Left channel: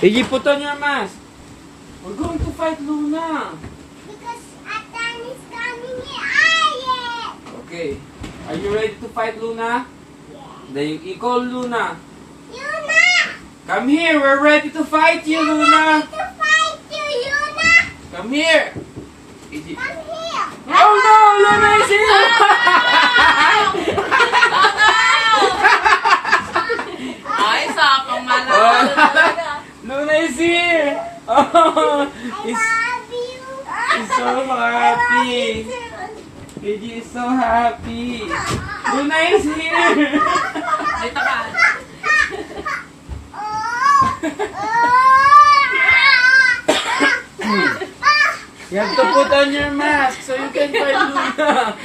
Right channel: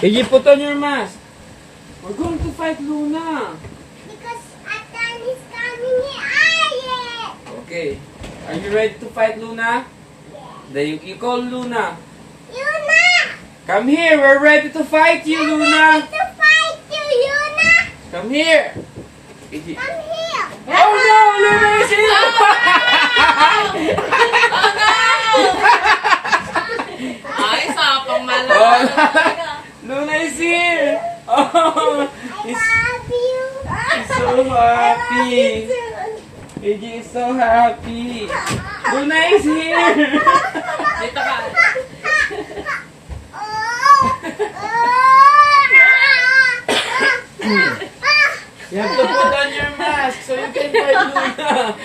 AJ, put on your mask. We're going to fight Luna. Because Atan is coming here. Okay. Are you ready to fight Luna? Then you call Luna. Yuna! Come here. We're ready to fight you, Luna. To fight you, Yuna! Come here. AJ. Come here. Oh no! Luna is here! Ay, sapang Oh, malala. Luna is here! Oh, I love you. he's so happy. AJ is so happy. Luna is here! Dito ka. You have to put on your mask so you can fight Luna.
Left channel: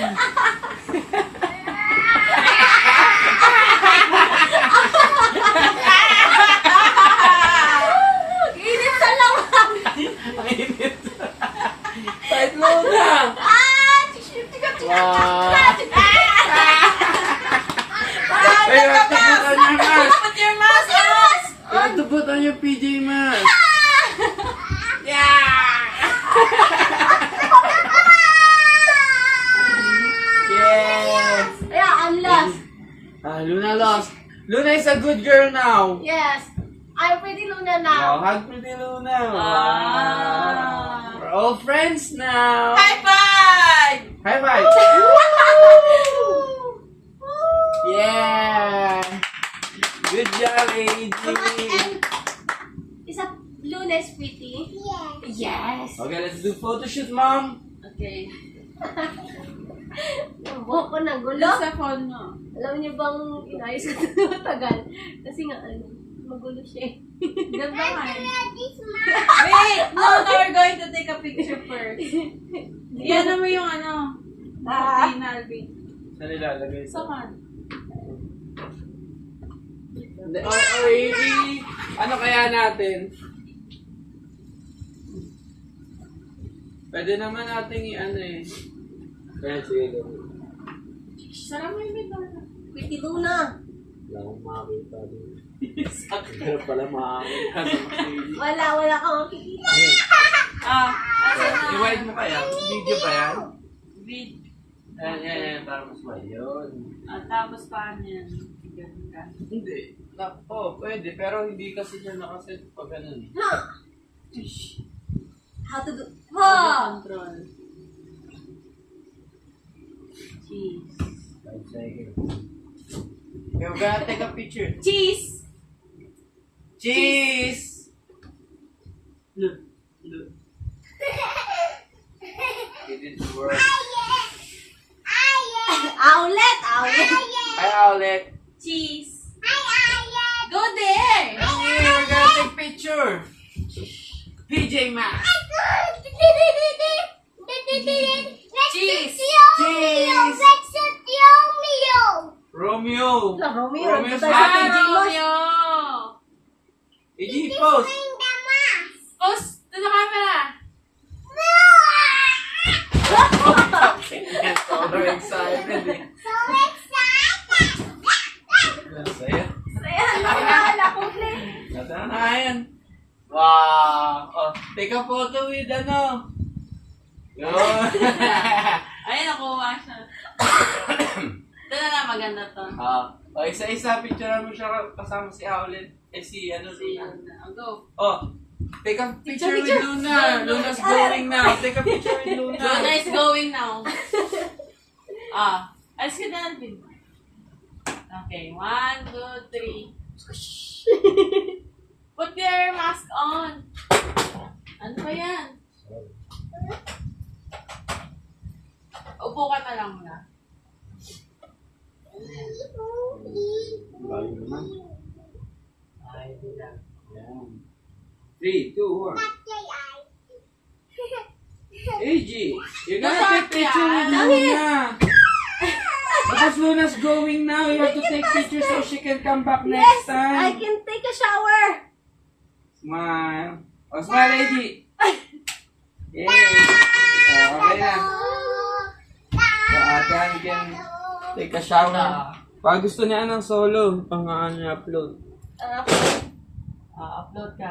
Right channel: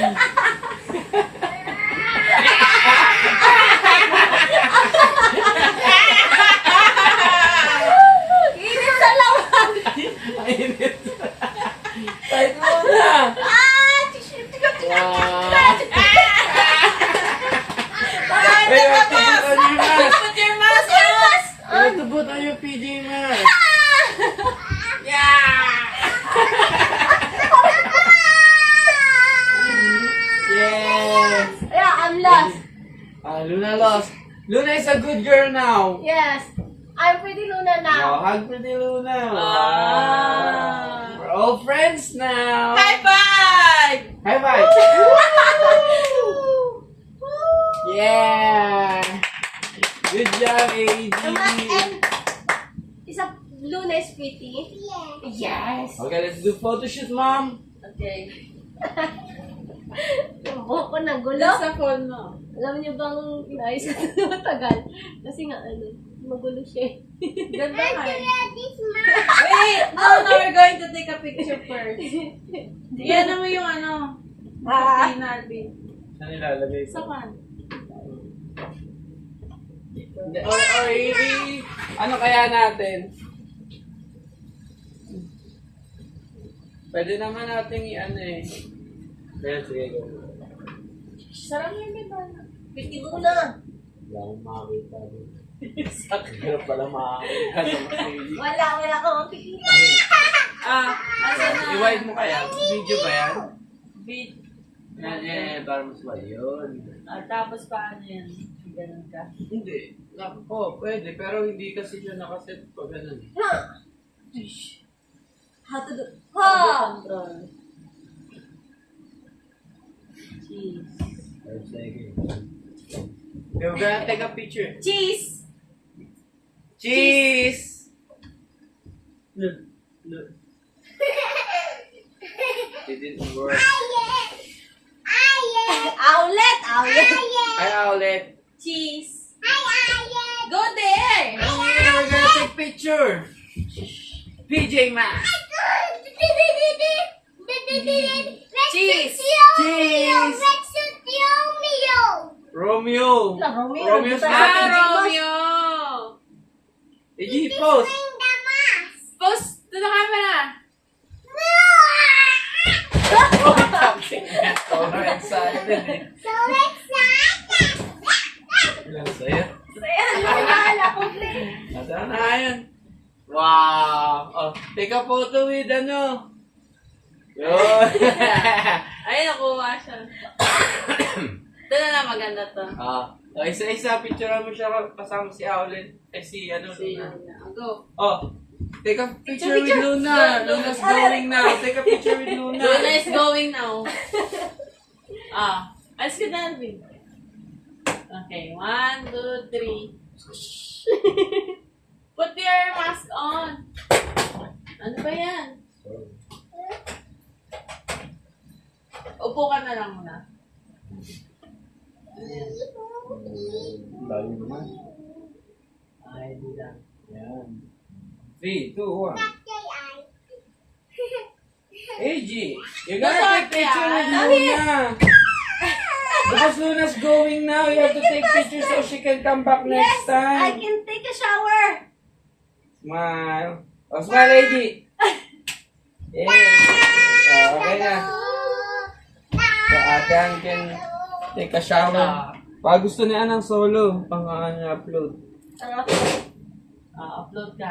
Init sa lawan. Mainit. Fight Luna! Wait, you have to put on your PJ mask. Yes! Yeah, I'm lost. Luna lost. Luna is a good girl now. Yes. I'm pretty Luna Now, now. hug pretty Luna. Ah. Wow. We're all friends now. High five! High five. Yeah. Good job, AJ. And is a Luna is pretty? Yes. Okay, let's do photo shoot, Mom. Okay. Buhok ko na gulo. Sa phone mo. Alam niyo bang inayos ko ito matagal? Kasi nga magulo siya. Ganda nga eh. This man. Wait! No, we're going to take a picture first. Yan mo yung ano. Alvin, Alvin. Saan nilalagay ito? Saan? Or really, ano kaya natin? Pwede naman nating i-ano eh. Ayan, sige. Sarap mo yung bintana. Pretty Luna. Wala akong makakita doon. Sakit pala makakita sa masili. Wala kang makikita. Asa na? I-wide mo kaya? Video pa yan? Bid. Yan, para mas wide yun. Tapos paano yan? Ganun ka. Hindi. Pwede. Pero hindi kasi siya nakaset pag ganun eh. How to do? Audio Ha! control. Cheese. 5 seconds. Okay, we're gonna take a picture. Cheese! Cheese! Look. It didn't work. Owlet! Hi, Owlet. Cheese! Go there! Okay, we're gonna take picture. PJ Masks. Cheese! Cheese! Romeo. Romeo's happy. Romeo! AJ, pose. Post to the camera! So excited eh. Yan, saya. Wala ko play. Nasaan na yan? Wow! Oh, take a photo with ano? Yun! Ay, nakuha siya. Ito na lang, maganda to. Isa-isa, picturean mo siya kasama si Owlet. Si ano, Si Luna. Luna. Go. Oh, take a picture with Luna. Luna's going now. Take a picture with Luna. Luna is going now. Alis ka na, Alvin. Okay, 1, 2, 3. Put your mask on. Ano ba yan? Upo ka na lang muna. Layo naman. Ay, di lang. Yan. 3, 2, 1. AJ, you gotta take picture with Luna. Because Luna's going now, you have to take pictures so she can come back next I time. can take a shower. Smile. Oh, smile, AJ. Yay. Okay na. So, Atan can take a shower. Pag gusto niya ng solo, pang upload. Ang upload. Upload ka.